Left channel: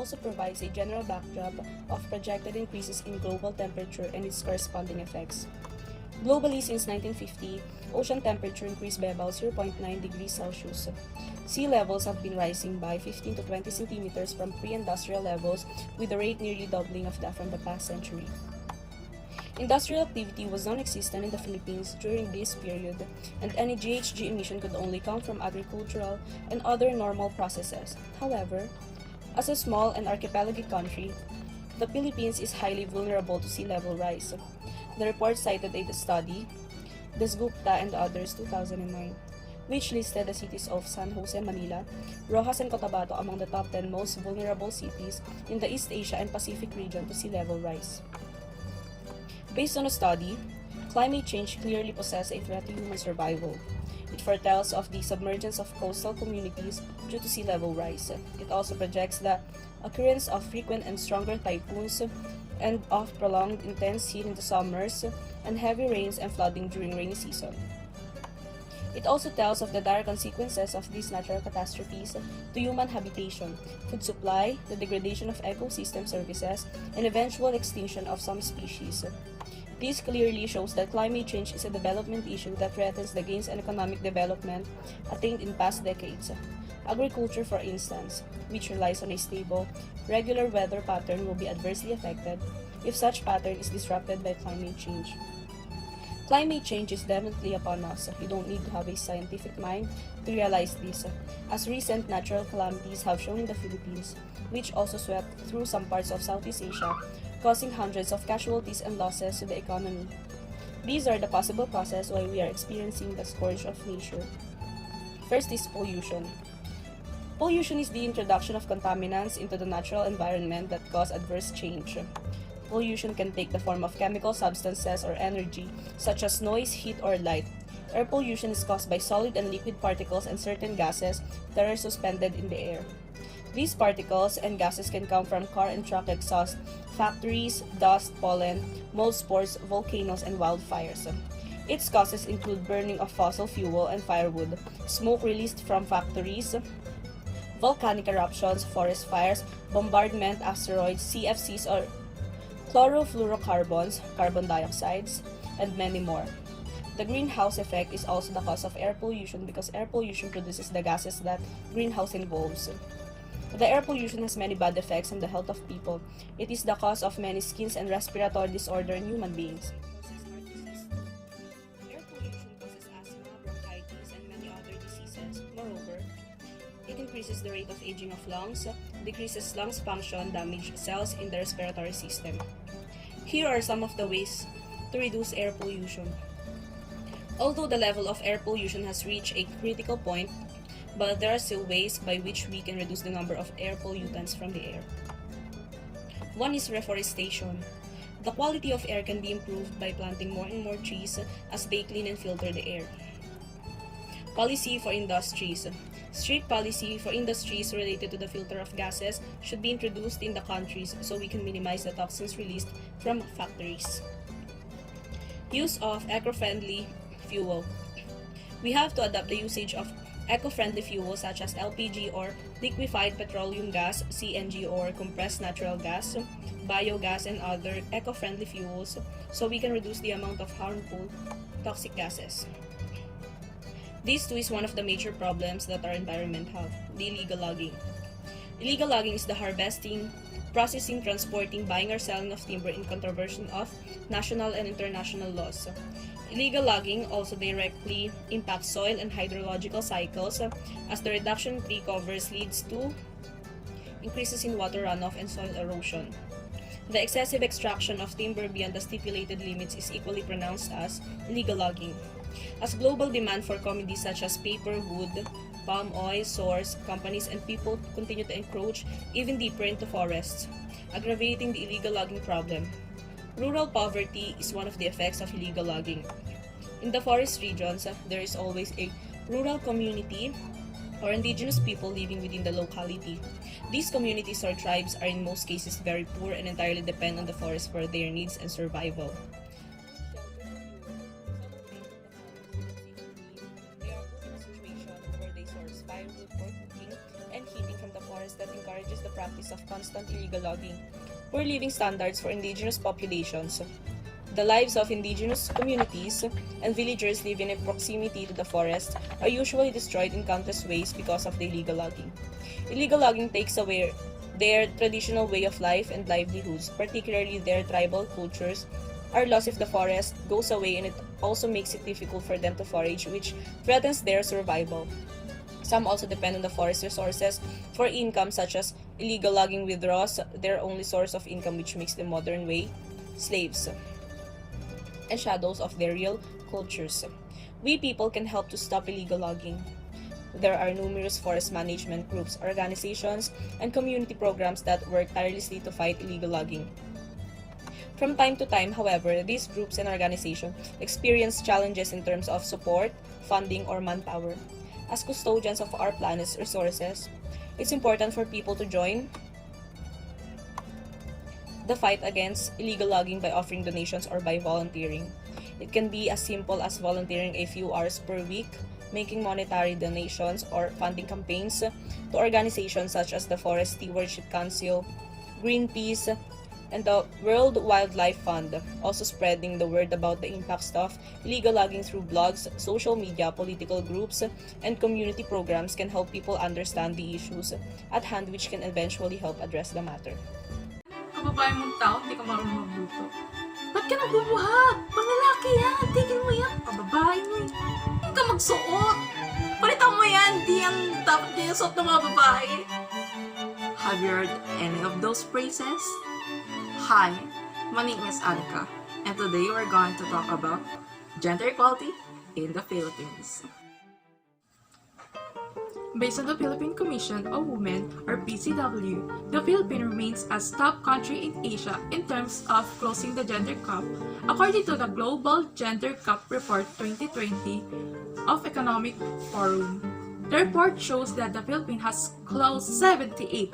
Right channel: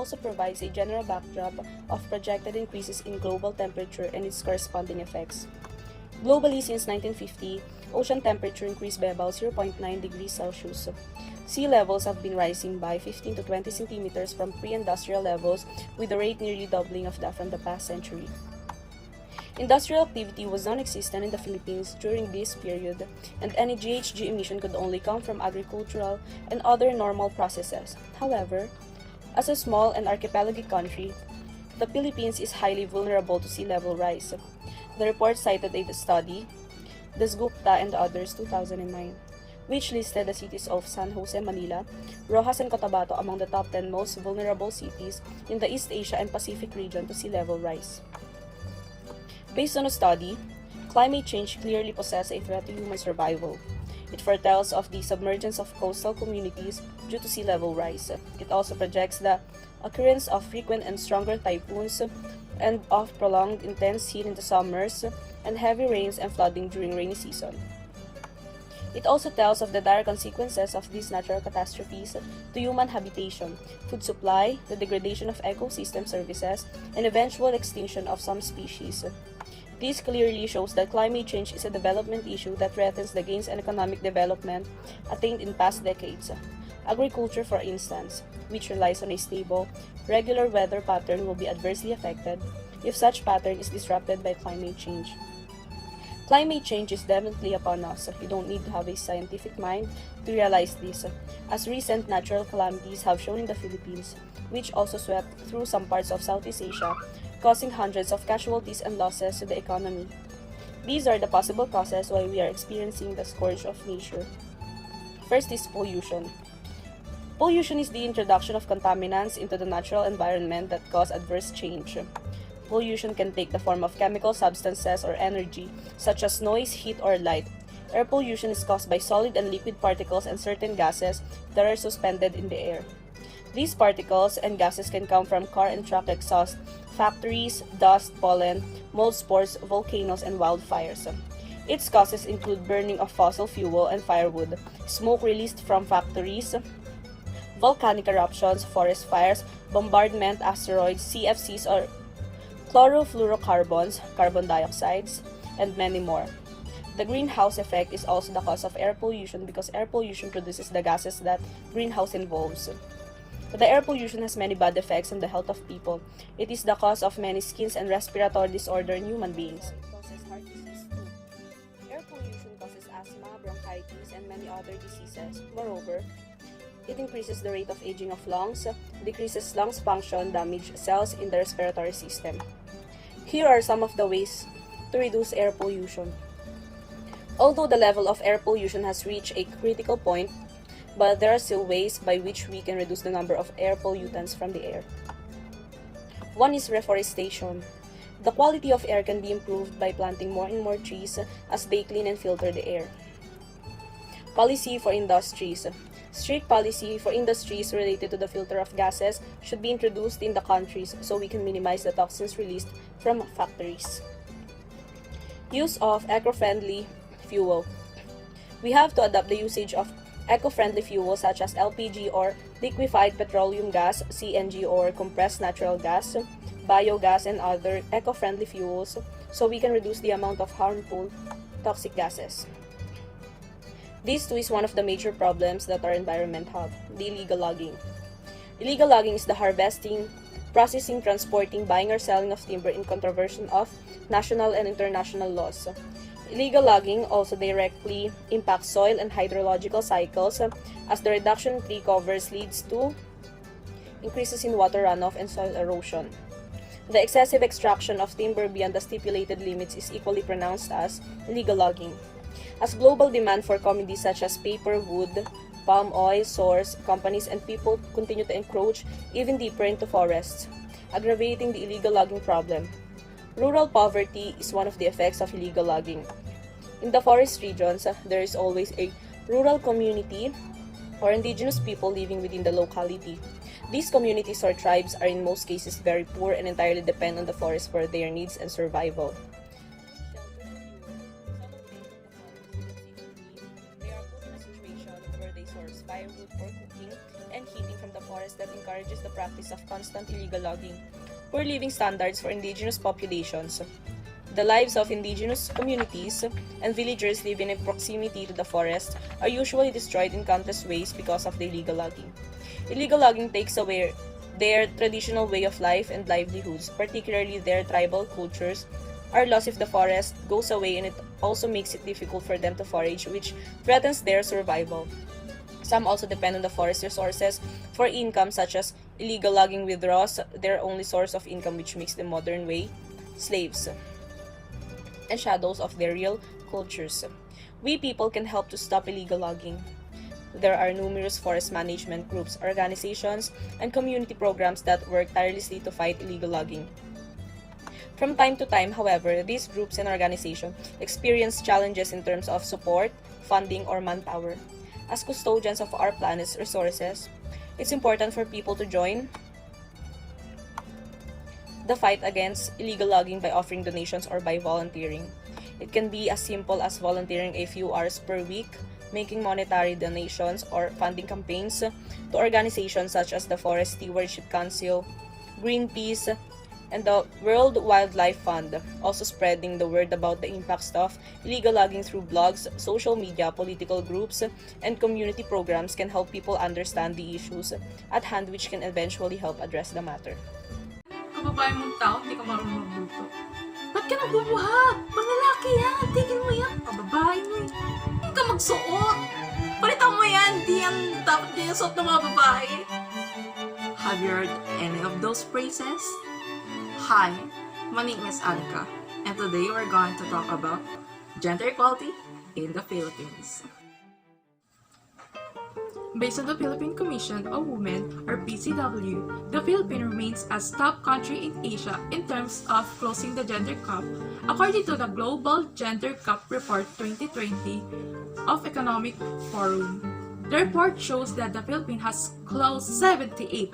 also provides a general backdrop of projected increases in global temperature and its corresponding effects. Globally, since 1950, ocean temperature increased by about 0.9 degrees Celsius. Sea levels have been rising by 15 to 20 centimeters from pre-industrial levels, with the rate nearly doubling of that from the past century. Industrial activity was non-existent in the Philippines during this period, and any GHG emission could only come from agricultural and other normal processes. However, as a small and archipelagic country, the Philippines is highly vulnerable to sea level rise. The report cited a study, Dasgupta and others, 2009, which listed the cities of San Jose, Manila, Rojas, and Cotabato among the top 10 most vulnerable cities in the East Asia and Pacific region to sea level rise. Based on a study, climate change clearly poses a threat to human survival. It foretells of the submergence of coastal communities due to sea level rise. It also projects the occurrence of frequent and stronger typhoons and of prolonged intense heat in the summers and heavy rains and flooding during rainy season. It also tells of the dire consequences of these natural catastrophes to human habitation, food supply, the degradation of ecosystem services, and eventual extinction of some species. This clearly shows that climate change is a development issue that threatens the gains in economic development attained in past decades. Agriculture, for instance, which relies on a stable, regular weather pattern, will be adversely affected if such pattern is disrupted by climate change. Climate change is definitely upon us. We don't need to have a scientific mind to realize this, as recent natural calamities have shown in the Philippines, which also swept through some parts of Southeast Asia, causing hundreds of casualties and losses to the economy. These are the possible causes why we are experiencing the scourge of nature. First is pollution. Pollution is the introduction of contaminants into the natural environment that cause adverse change. Pollution can take the form of chemical substances or energy, such as noise, heat, or light. Air pollution is caused by solid and liquid particles and certain gases that are suspended in the air. These particles and gases can come from car and truck exhaust, factories, dust, pollen, mold spores, volcanoes, and wildfires. Its causes include burning of fossil fuel and firewood, smoke released from factories, volcanic eruptions, forest fires, bombardment, asteroids, CFCs or chlorofluorocarbons, carbon dioxides, and many more. The greenhouse effect is also the cause of air pollution because air pollution produces the gases that greenhouse involves. The air pollution has many bad effects on the health of people. It is the cause of many skin and respiratory disorders in human beings. Air pollution causes asthma, bronchitis, and many other diseases. Moreover, it increases the rate of aging of lungs, decreases lungs function, damages cells in the respiratory system. Here are some of the ways to reduce air pollution. Although the level of air pollution has reached a critical point, but there are still ways by which we can reduce the number of air pollutants from the air. One is reforestation. The quality of air can be improved by planting more and more trees as they clean and filter the air. Policy for industries. Strict policy for industries related to the filter of gases should be introduced in the countries so we can minimize the toxins released from factories. Use of eco-friendly fuel. We have to adopt the usage of eco-friendly fuels such as LPG or liquefied petroleum gas, CNG or compressed natural gas, biogas, and other eco-friendly fuels so we can reduce the amount of harmful toxic gases. This too is one of the major problems that our environment have, the illegal logging. Illegal logging is the harvesting, processing, transporting, buying, or selling of timber in contravention of national and international laws. Illegal logging also directly impacts soil and hydrological cycles as the reduction in tree covers leads to increases in water runoff and soil erosion. The excessive extraction of timber beyond the stipulated limits is equally pronounced as illegal logging. As global demand for commodities such as paper, wood, palm oil, source, companies, and people continue to encroach even deeper into forests, aggravating the illegal logging problem. Rural poverty is one of the effects of illegal logging. In the forest regions, there is always a rural community or indigenous people living within the locality. These communities or tribes are in most cases very poor and entirely depend on the forest for their needs and survival. That encourages the practice of constant illegal logging. Poor living standards for indigenous populations. The lives of indigenous communities and villagers living in proximity to the forest are usually destroyed in countless ways because of the illegal logging. Illegal logging takes away their traditional way of life and livelihoods, particularly their tribal cultures, are lost if the forest goes away, and it also makes it difficult for them to forage, which threatens their survival. Some also depend on the forest resources for income, such as illegal logging withdraws their only source of income, which makes them modern way slaves and shadows of their real cultures. We people can help to stop illegal logging. There are numerous forest management groups, organizations, and community programs that work tirelessly to fight illegal logging. From time to time, however, these groups and organizations experience challenges in terms of support, funding, or manpower. As custodians of our planet's resources, it's important for people to join the fight against illegal logging by offering donations or by volunteering. It can be as simple as volunteering a few hours per week, making monetary donations, or funding campaigns to organizations such as the Forest Stewardship Council, Greenpeace, and the World Wildlife Fund, also spreading the word about the impacts of illegal logging through blogs, social media, political groups, and community programs can help people understand the issues at hand, which can eventually help address the matter. Kababae mong tao, hindi ka marunong magluto. Ba't ka nagbubuhat? Panlalaki yan, tigil mo yan. Kababae mo eh. Hindi ka magsuot. Palitan mo yan, di yan dapat din yung suot ng mga babae. Have you heard any of those phrases? Hi, my name is Anika, and today we're going to talk about gender equality in the Philippines. Based on the Philippine Commission on Women, or PCW, the Philippines remains a top country in Asia in terms of closing the gender gap, according to the Global Gender Gap Report 2020 of Economic Forum. The report shows that the Philippines has closed 78%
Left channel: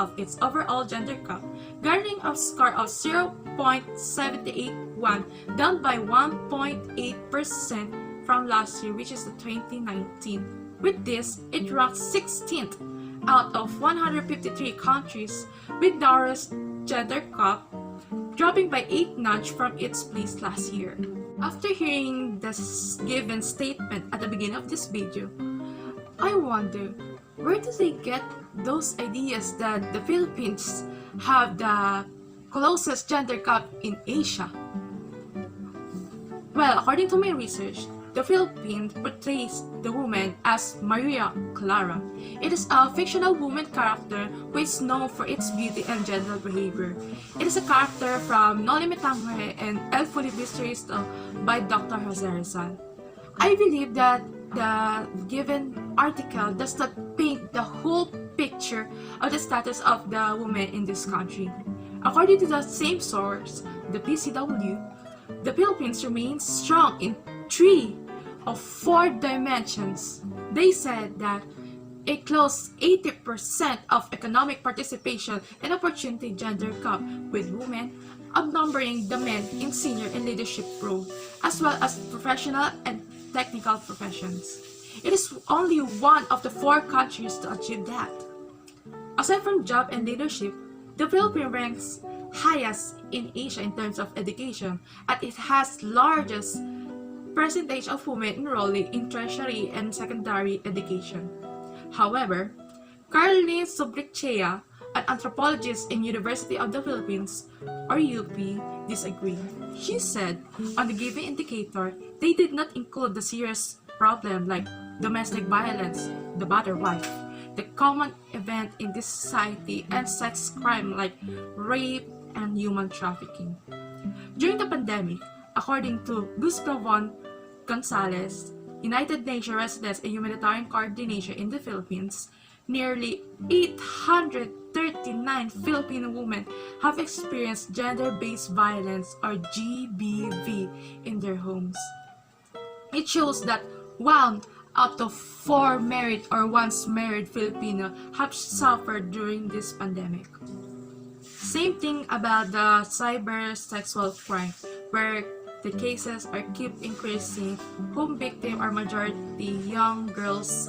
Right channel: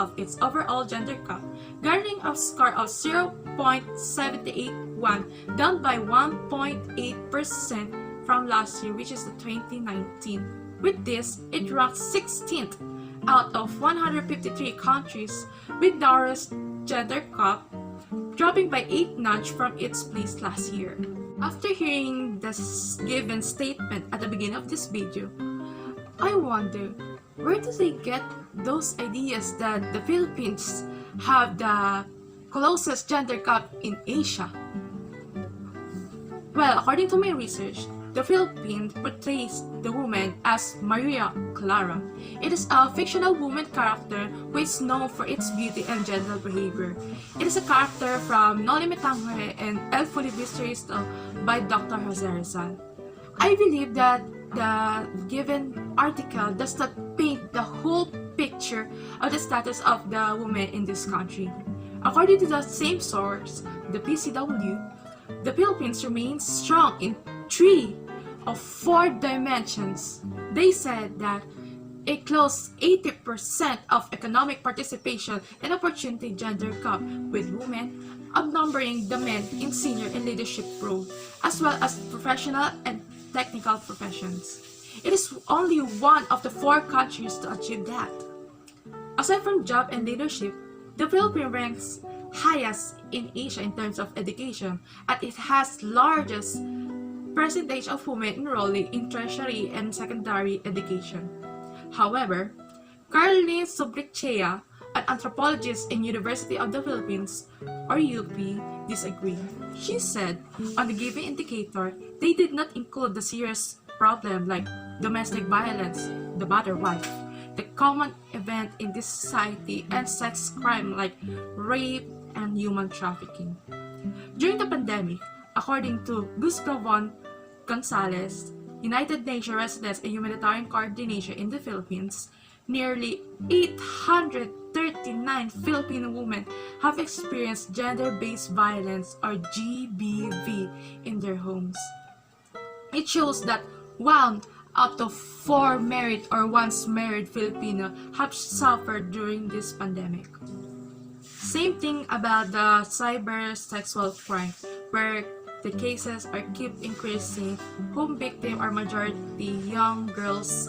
of its overall gender gap, garnering a score of 0.781, down by 1.8% from last year, which is 2019. With this, it ranks 16th out of 153 countries with narrowest gender gap, dropping by 8 notch from its place last year. After hearing this given statement at the beginning of this video, I wonder, where do they get those ideas that the Philippines have the closest gender gap in Asia? Well, according to my research, the Philippines portrays the woman as Maria Clara. It is a fictional woman character which is known for its beauty and gentle behavior. It is a character from No Limit Tangere and El Filibusterista by Dr. Jose Rizal. I believe that the given article does not paint the whole picture of the status of the woman in this country. According to the same source, the PCW, the Philippines remains strong in 3 of 4 dimensions. They said that it closed 80% of economic participation and opportunity gender gap, with women outnumbering the men in senior and leadership role, as well as professional and technical professions. It is only one of the 4 countries to achieve that. Aside from job and leadership, the Philippines ranks highest in Asia in terms of education, and it has largest percentage of women enrolling in tertiary and secondary education. However, Carly Sobrichea, an anthropologist in University of the Philippines, or UP, disagree. She said, on the given indicator, they did not include the serious problem like domestic violence, the battered wife, the common event in this society, and sex crime like rape and human trafficking. During the pandemic, according to Luz Galvan Gonzalez, United Nations Residence and Humanitarian Coordination in the Philippines, nearly 839 Filipino women have experienced gender-based violence or GBV in their homes. It shows that 1 out of 4 married or once married Filipino have suffered during this pandemic. Same thing about the cyber sexual crime, where the cases are keep increasing, whom victim are majority young girls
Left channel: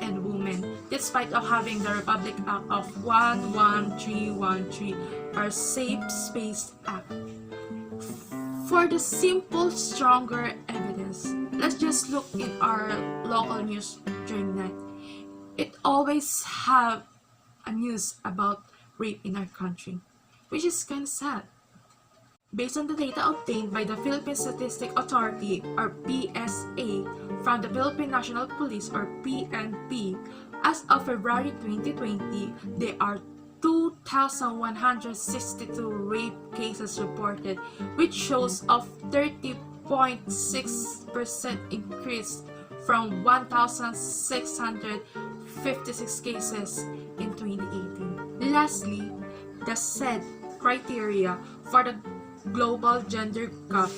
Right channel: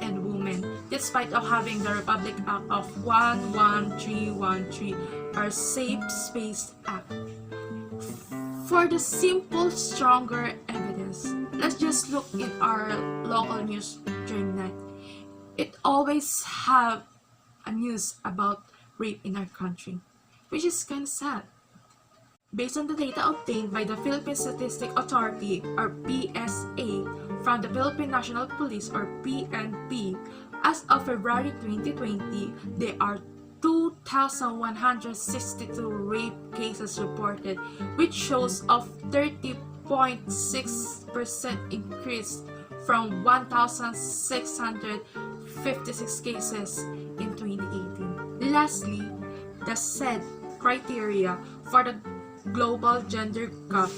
and women. despite of having the Republic Act of 11313, or Safe Space Act. For the simple, stronger evidence, let's just look in our local news during night. It always have a news about rape in our country, which is kind of sad. Based on the data obtained by the Philippine Statistics Authority, or PSA, from the Philippine National Police, or PNP, as of February 2020, there are 2,162 rape cases reported, which shows a 30.6% increase from 1,656 cases in 2018. Lastly, the said criteria for the global gender gap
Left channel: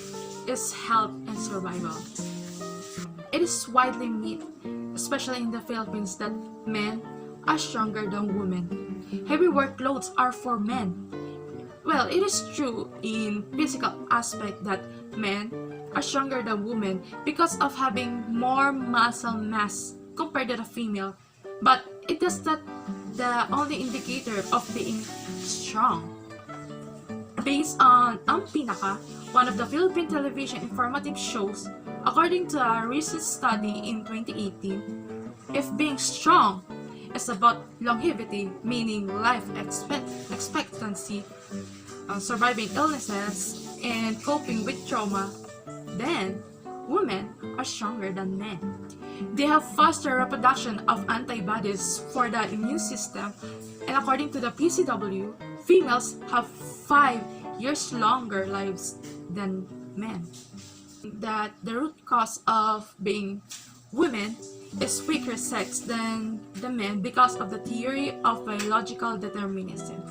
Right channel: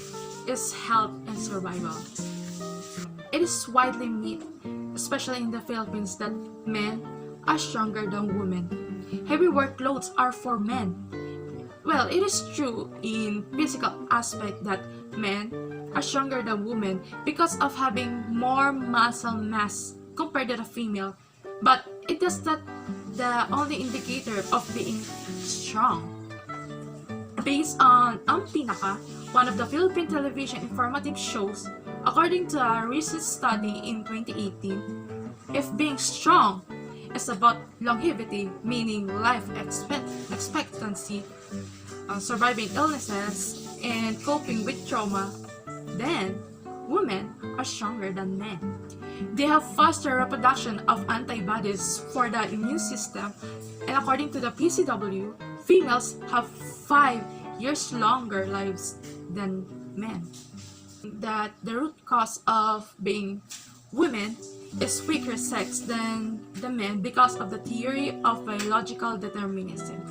is health and survival. It is widely made, especially in the Philippines, that men are stronger than women. Heavy workloads are for men. Well, it is true in physical aspect that men are stronger than women because of having more muscle mass compared to the female. But it is not the only indicator of being strong. Based on Ang Pinaka, one of the Philippine television informative shows, according to a recent study in 2018, if being strong is about longevity, meaning life expectancy, surviving illnesses, and coping with trauma, then women are stronger than men. They have faster reproduction of antibodies for the immune system, and according to the PCW, females have 5 years longer lives than men. That the root cause of being women is weaker sex than the men because of the theory of biological determinism.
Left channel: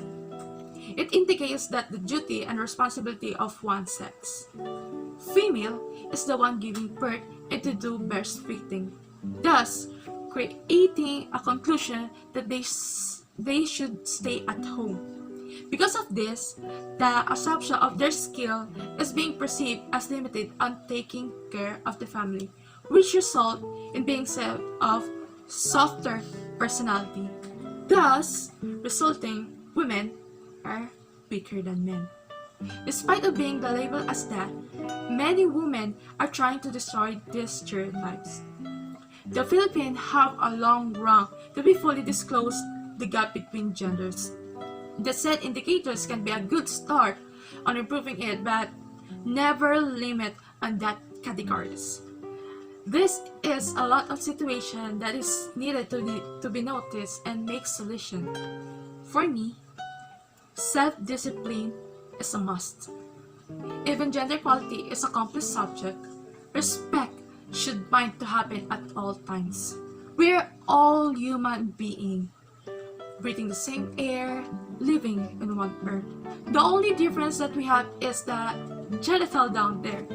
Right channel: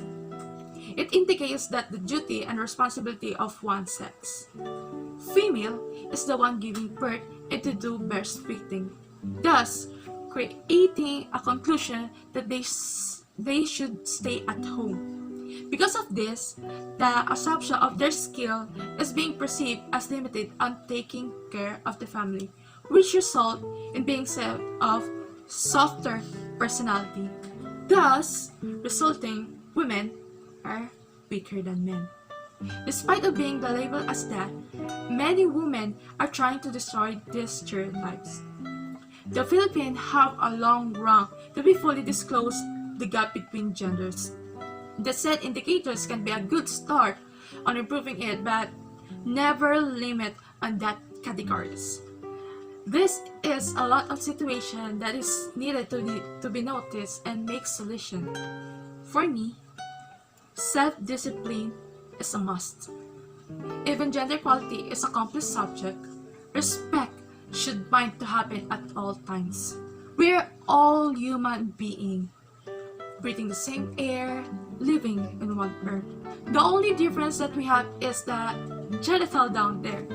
It indicates that the duty and responsibility of one sex. Female is the one giving birth and to do breastfeeding, thus creating a conclusion that they should stay at home. Because of this, the assumption of their skill is being perceived as limited on taking care of the family, which result in being said of softer personality, thus resulting women are weaker than men. Despite of being labeled as that, many women are trying to destroy these stereotypes. The Philippines have a long road to be fully disclose the gap between genders. The said indicators can be a good start on improving it, but never limit on that categories. This is a lot of situation that is needed to be noticed and make solution. For me, self-discipline is a must. Even gender equality is a complex subject, respect should mind to happen at all times. We are all human beings, breathing the same air, living on one earth. The only difference that we have is that genital down there.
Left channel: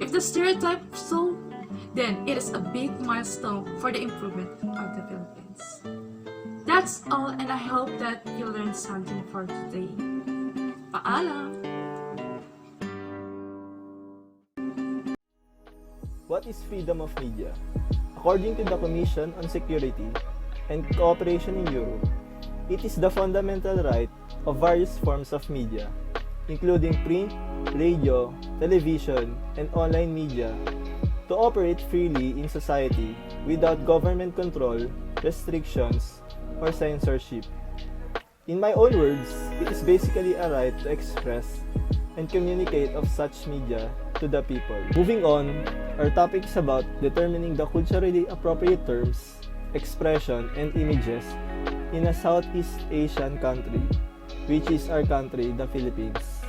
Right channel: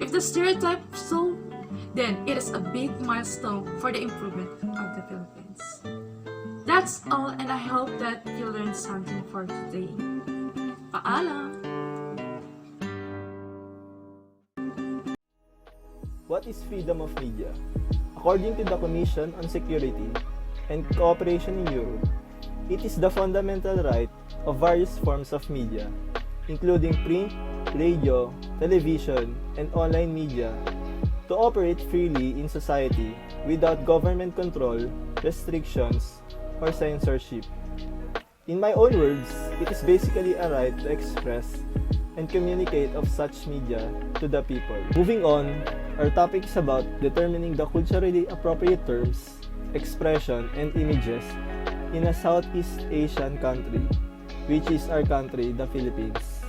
If the stereotype so, then it is a big milestone for the improvement of the Philippines. That's all, and I hope that you learned something for today. Paalam! What is freedom of media? According to the Commission on Security and Cooperation in Europe, it is the fundamental right of various forms of media, including print, radio, television, and online media, to operate freely in society without government control, restrictions, or censorship. In my own words, it is basically a right to express and communicate of such media to the people. Moving on, our topic is about determining the culturally appropriate terms, expression, and images in a Southeast Asian country, which is our country, the Philippines.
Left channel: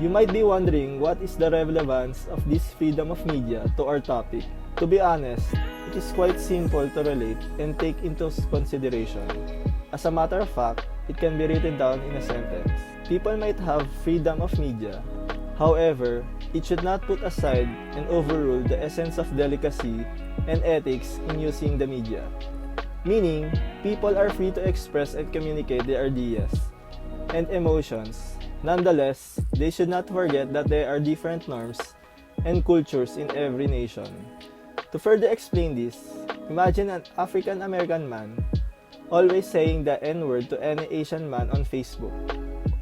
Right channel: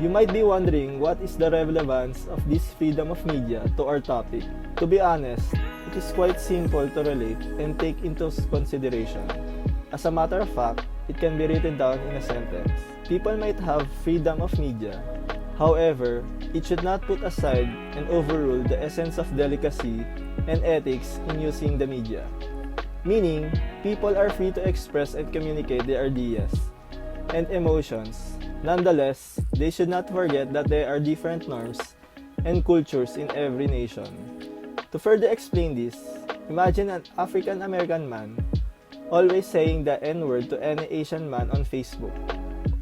You might be wondering what is the relevance of this freedom of media to our topic. To be honest, it is quite simple to relate and take into consideration. As a matter of fact, it can be written down in a sentence. People might have freedom of media. However, it should not put aside and overrule the essence of delicacy and ethics in using the media. Meaning, people are free to express and communicate their ideas and emotions. Nonetheless, they should not forget that there are different norms and cultures in every nation. To further explain this, imagine an African American man always saying the N-word to any Asian man on Facebook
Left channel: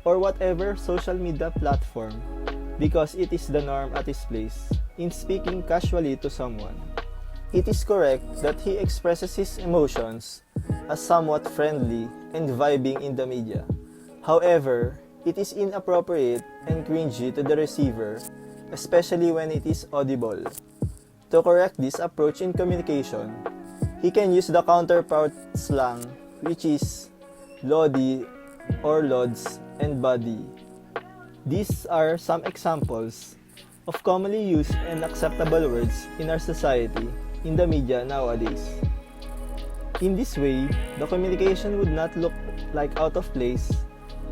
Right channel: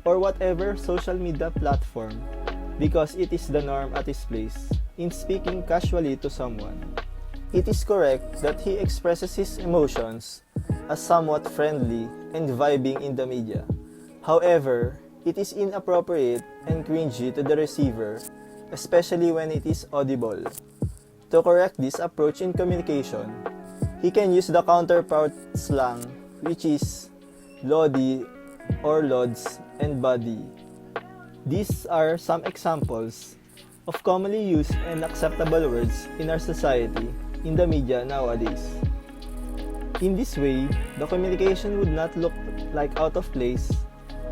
or whatever social media platform because it is the norm at his place in speaking casually to someone. It is correct that he expresses his emotions as somewhat friendly and vibing in the media. However, it is inappropriate and cringy to the receiver, especially when it is audible. To correct this approach in communication, he can use the counterpart slang, which is lodi or lods and buddy. These are some examples of commonly used and acceptable words in our society in the media nowadays. In this way, the communication would not look like out of place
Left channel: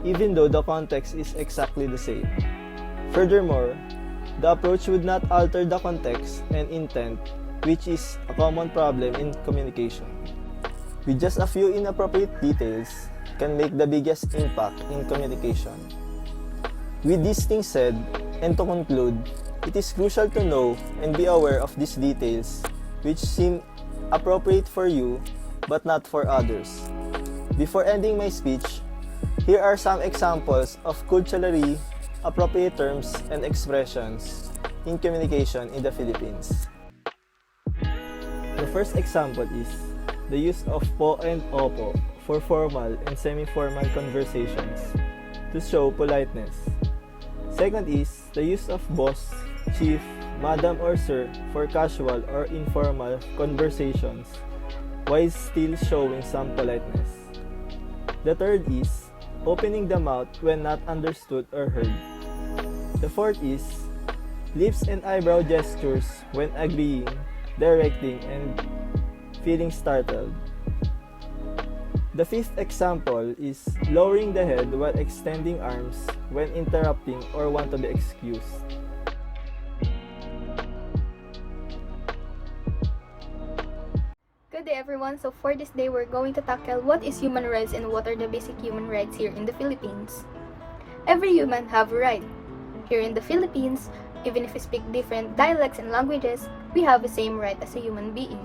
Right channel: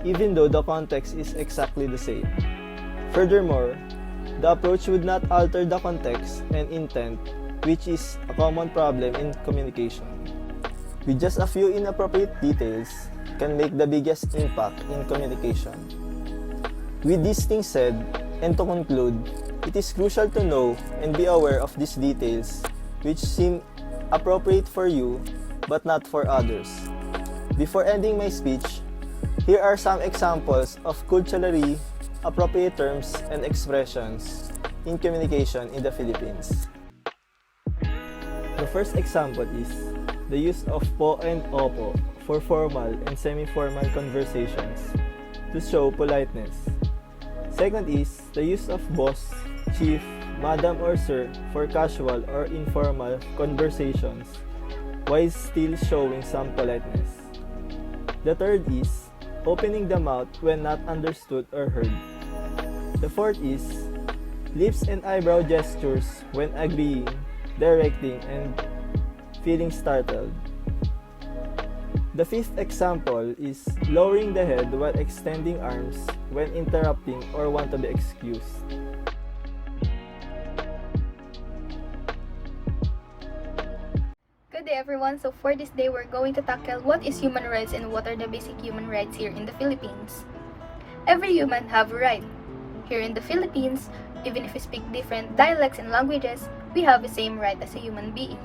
even though the context is exactly the same. Furthermore, the approach would not alter the context and intent, which is a common problem in communication. With just a few inappropriate details can make the biggest impact in communication. With these things said, and to conclude, it is crucial to know and be aware of these details which seem appropriate for you but not for others. Before ending my speech, here are some examples of culturally appropriate terms and expressions in communication in the Philippines. The first example is the use of po and opo for formal and semi-formal conversations to show politeness. Second is the use of boss, chief, madam or sir for casual or informal conversations while still showing some politeness. The third is opening the mouth when not understood or heard. The fourth is lips and eyebrow gestures when agreeing, directing, and feeling startled. The fifth example is lowering the head while extending arms when interrupting or want to be excused. Good day everyone, so for this day we're going to tackle what is human rights and what are the basic human rights here in the Philippines. Every human have a right. Here in the Philippines, even if we speak different dialects and languages, we have the same right as a human being.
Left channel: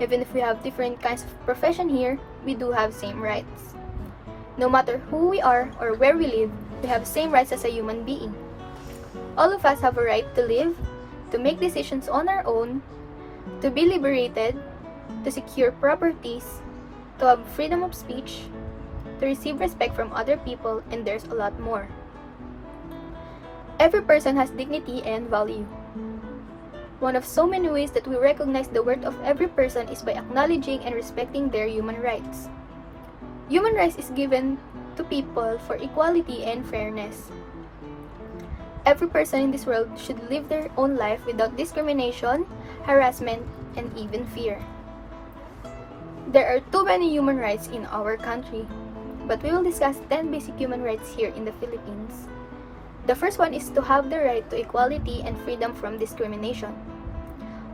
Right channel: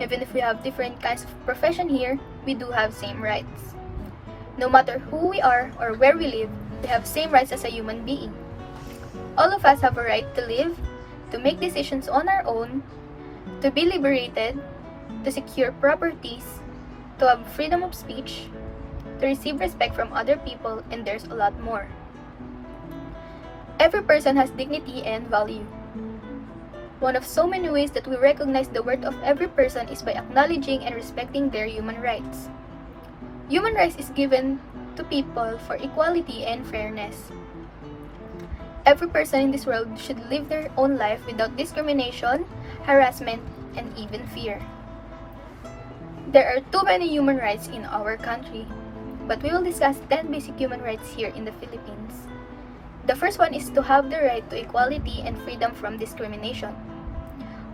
Even if we have different kinds of profession here, we do have same rights. No matter who we are or where we live, we have same rights as a human being. All of us have a right to live, to make decisions on our own, to be liberated, to secure properties, to have freedom of speech, to receive respect from other people, and there's a lot more. Every person has dignity and value. One of so many ways that we recognize the worth of every person is by acknowledging and respecting their human rights. Human rights is given to people for equality and fairness. Every person in this world should live their own life without discrimination, harassment, and even fear. There are too many human rights in our country, but we will discuss 10 basic human rights here in the Philippines. The first one is to have the right to equality and freedom from discrimination.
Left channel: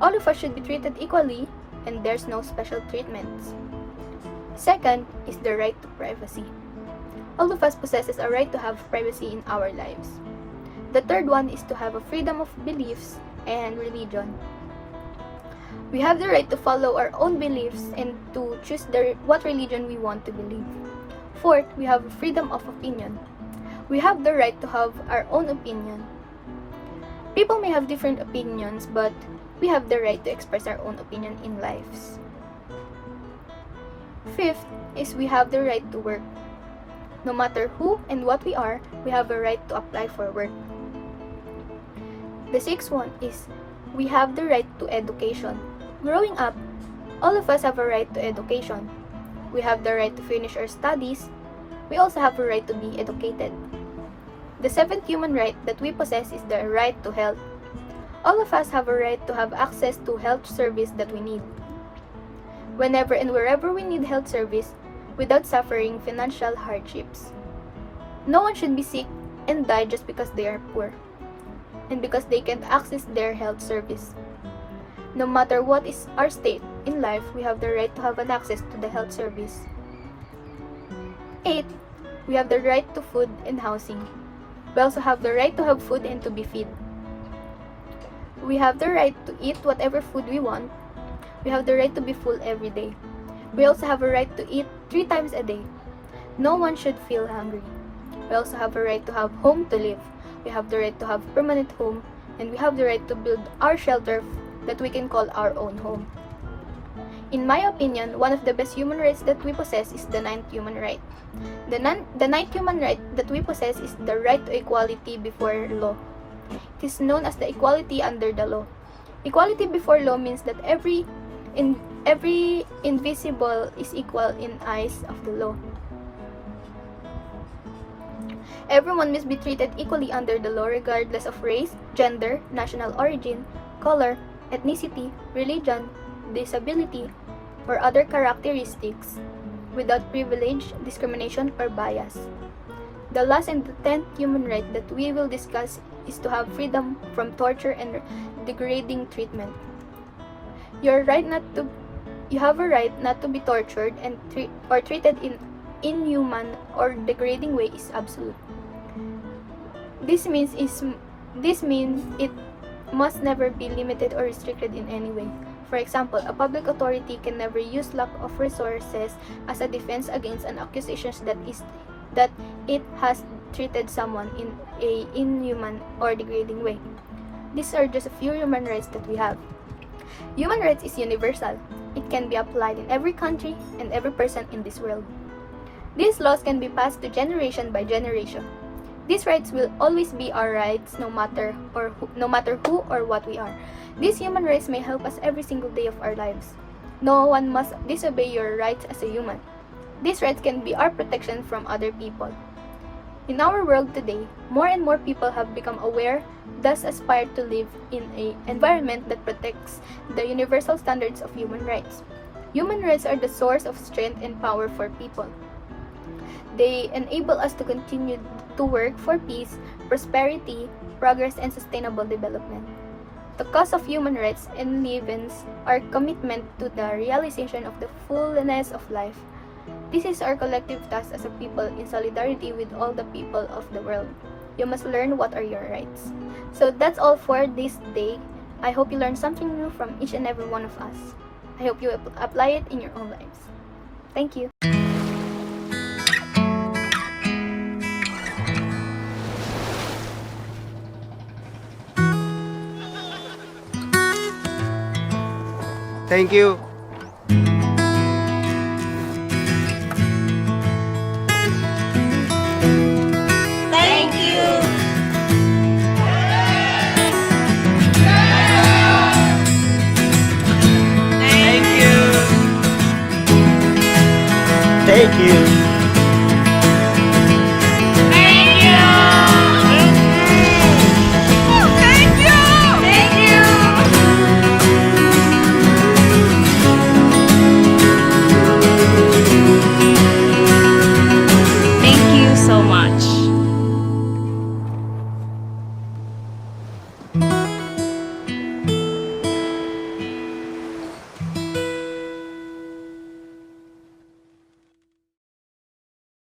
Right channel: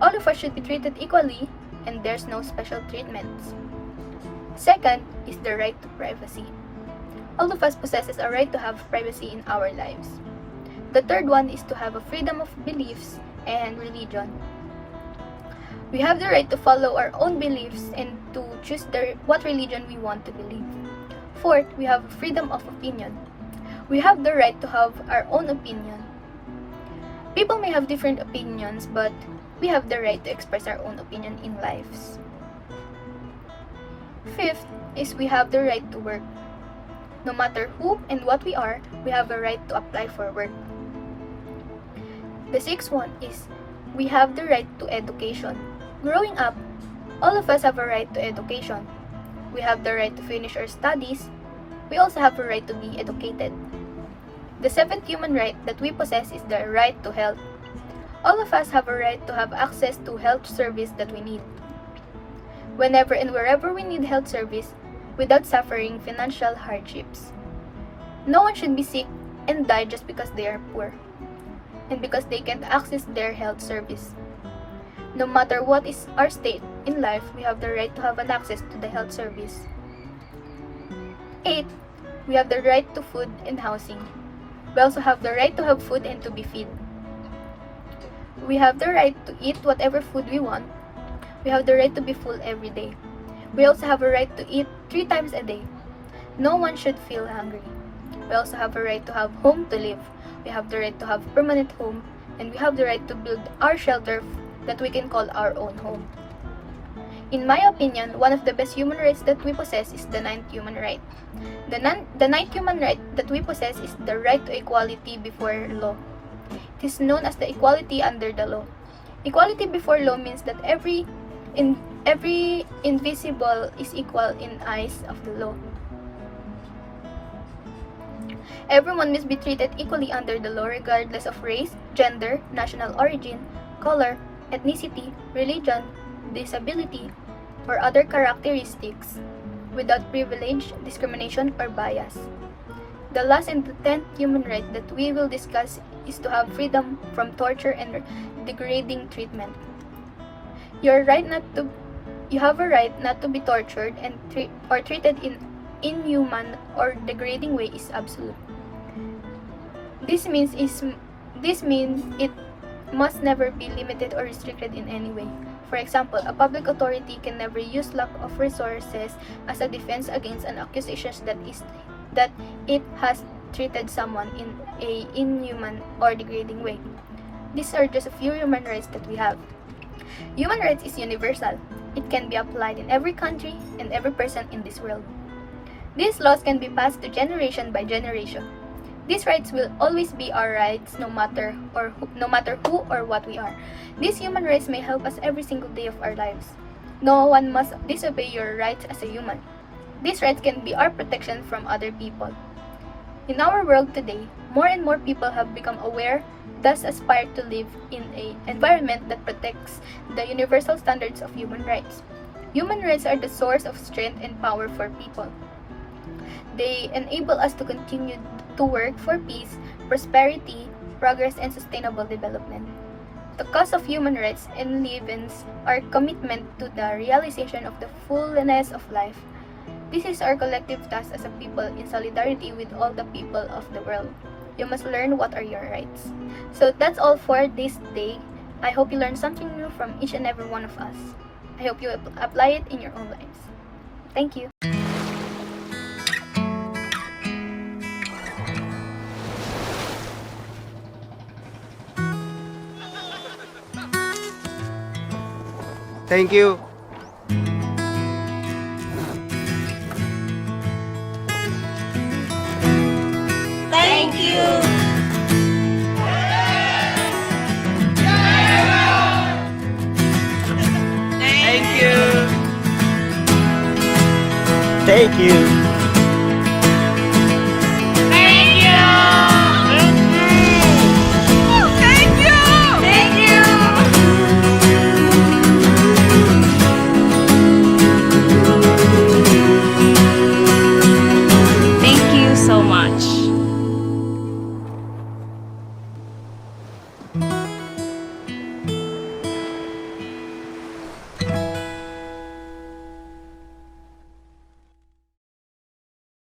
All of us should be treated equally, and there's no special treatments. Second is the right to privacy. All of us possesses a right to have privacy in our lives. The third one is to have a freedom of beliefs and religion. We have the right to follow our own beliefs and to choose what religion we want to believe. Fourth, we have freedom of opinion. We have the right to have our own opinion. People may have different opinions, but we have the right to express our own opinion in lives. Fifth is we have the right to work. No matter who and what we are, we have a right to apply for work. The sixth one is we have the right to education. Growing up, all of us have a right to education. We have the right to finish our studies. We also have a right to be educated. The seventh human right that we possess is the right to health. All of us have a right to have access to health service that we need. Whenever and wherever we need health service without suffering financial hardships. No one should be sick and die just because they are poor and because they can't access their health service. No matter what is our state in life, we have the right to have an access to the health service. 8. We have the right to food and housing. We also have the right to have food and to be fed. We have the right to eat whatever food we want. We have the right to be full every day. We also have a right to eat 3 times a day. No one should feel hungry. We also have a right to have home to live. We have the right to have permanent home, and we have the right to build our shelter that we can call our own home. In my opinion, one of the best human rights that we possess is the ninth human right. The ninth human right that we possess is the right to equality before law. It is known as the equality under the law. Equality before law means that every invisible is equal in eyes of the law. Everyone must be treated equally under the law regardless of race, gender, national origin, color, ethnicity, religion, disability, or other characteristics without privilege, discrimination, or bias. The last and the 10th human right that we will discuss is to have freedom from torture and degrading treatment. You have a right not to be tortured and treated in inhuman or degrading way is absolute. This means it must never be limited or restricted in any way. For example, a public authority can never use lack of resources as a defense against an accusation that it has treated someone in a inhuman or degrading way. These are just a few human rights that we have. Human rights is universal. It can be applied in every country and every person in this world. These laws can be passed to generation by generation. These rights will always be our rights no matter who or what we are. These human rights may help us every single day of our lives. No one must disobey your rights as a human. These rights can be our protection from other people. In our world today, more and more people have become aware, thus aspire to live in an environment that protects the universal standards of human rights. Human rights are the source of strength and power for people. They enable us to continue to work for peace, prosperity, progress, and sustainable development. The cause of human rights enlivens our commitment to the realization of the fullness of life. This is our collective task as a people in solidarity with all the people of the world. You must learn what are your rights. So that's all for this day. I hope you learned something new from each and every one of us. I hope you apply it in your own lives. Thank you. Thank you. Thank you. Thank you. Thank you.